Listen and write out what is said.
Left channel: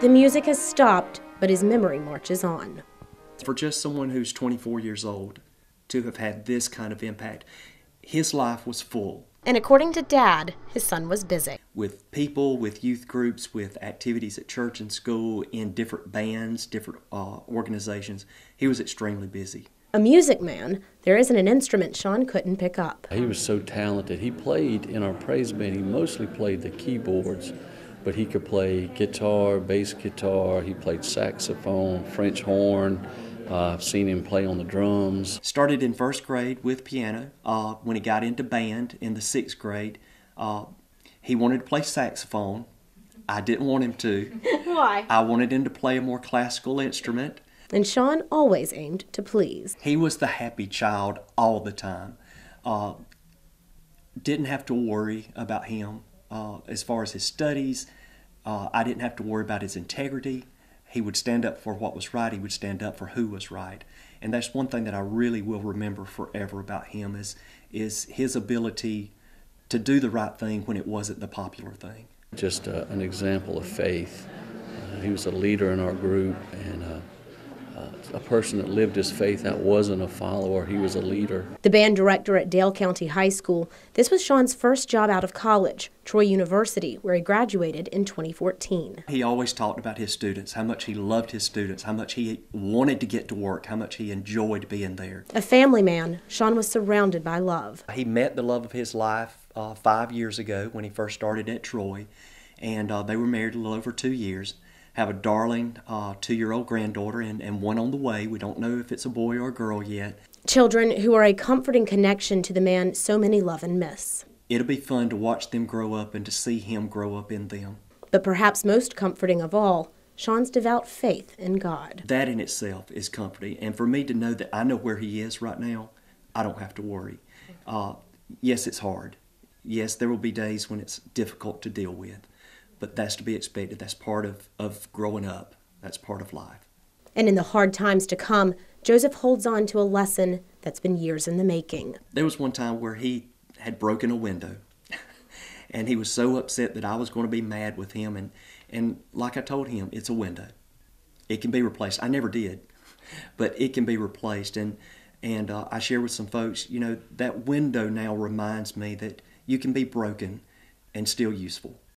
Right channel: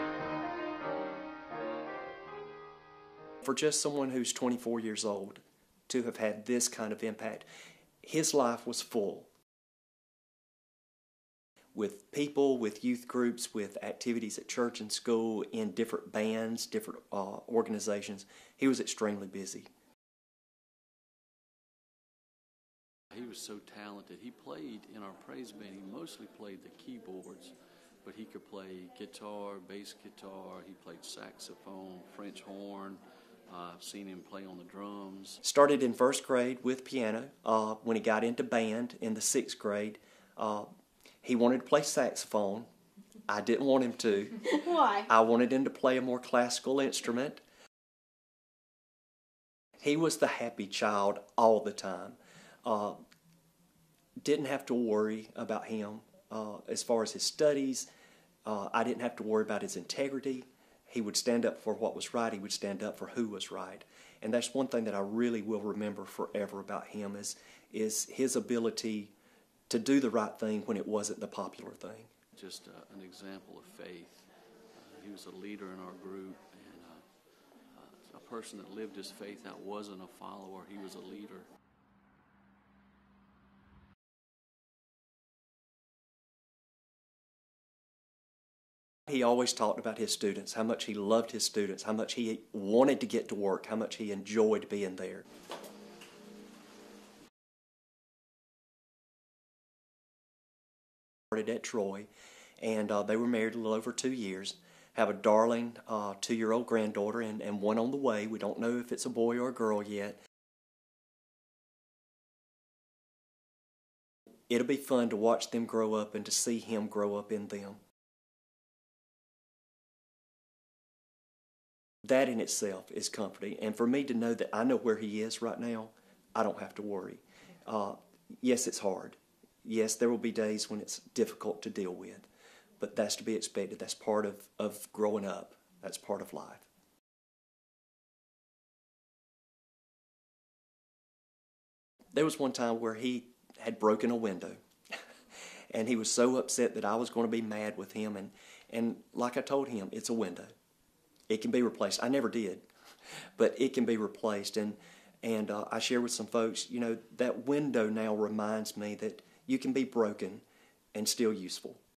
The music has stopped, but his memory marches on. For just someone who's 24 years old to have had this kind of impact, his life was full. And according to Dad, his son was busy. With people, with youth groups, with activities at church and school, in different bands, different organizations, he was extremely busy. A music man, there isn't an instrument Sean couldn't pick up. He was so talented. He played in our praise band. He mostly played the keyboards, but he could play guitar, bass guitar. He played saxophone, French horn. I've seen him play on the drums. Started in first grade with piano. When he got into band in the sixth grade, he wanted to play saxophone. I didn't want him to. Why? I wanted him to play a more classical instrument. And Sean always aimed to please. He was the happy child all the time. Didn't have to worry about him as far as his studies. I didn't have to worry about his integrity. He would stand up for what was right. He would stand up for who was right. And that's one thing that I really will remember forever about him is his ability to do the right thing when it wasn't the popular thing. Just an example of faith. He was a leader in our group, and a person that lived his faith out, wasn't a follower, he was a leader. The band director at Dale County High School, this was Sean's first job out of college, Troy University, where he graduated in 2014. He always talked about his students, how much he loved his students, how much he wanted to get to work, how much he enjoyed being there. A family man, Sean was surrounded by love. He met the love of his life 5 years ago when he first started at Troy, and they were married a little over 2 years. Have a darling 2-year-old granddaughter and one on the way. We don't know if it's a boy or a girl yet. Children who are a comforting connection to the man so many love and miss. It'll be fun to watch them grow up and to see him grow up in them. But perhaps most comforting of all, Sean's devout faith in God. That in itself is comforting. And for me to know that I know where he is right now, I don't have to worry. Yes, it's hard. Yes, there will be days when it's difficult to deal with. But that's to be expected. That's part of growing up. That's part of life. And in the hard times to come, Joseph holds on to a lesson that's been years in the making. There was one time where he had broken a window. And he was so upset that I was going to be mad with him. And like I told him, it's a window. It can be replaced. I never did. But it can be replaced. And I share with some folks, you know, that window now reminds me that you can be broken and still useful.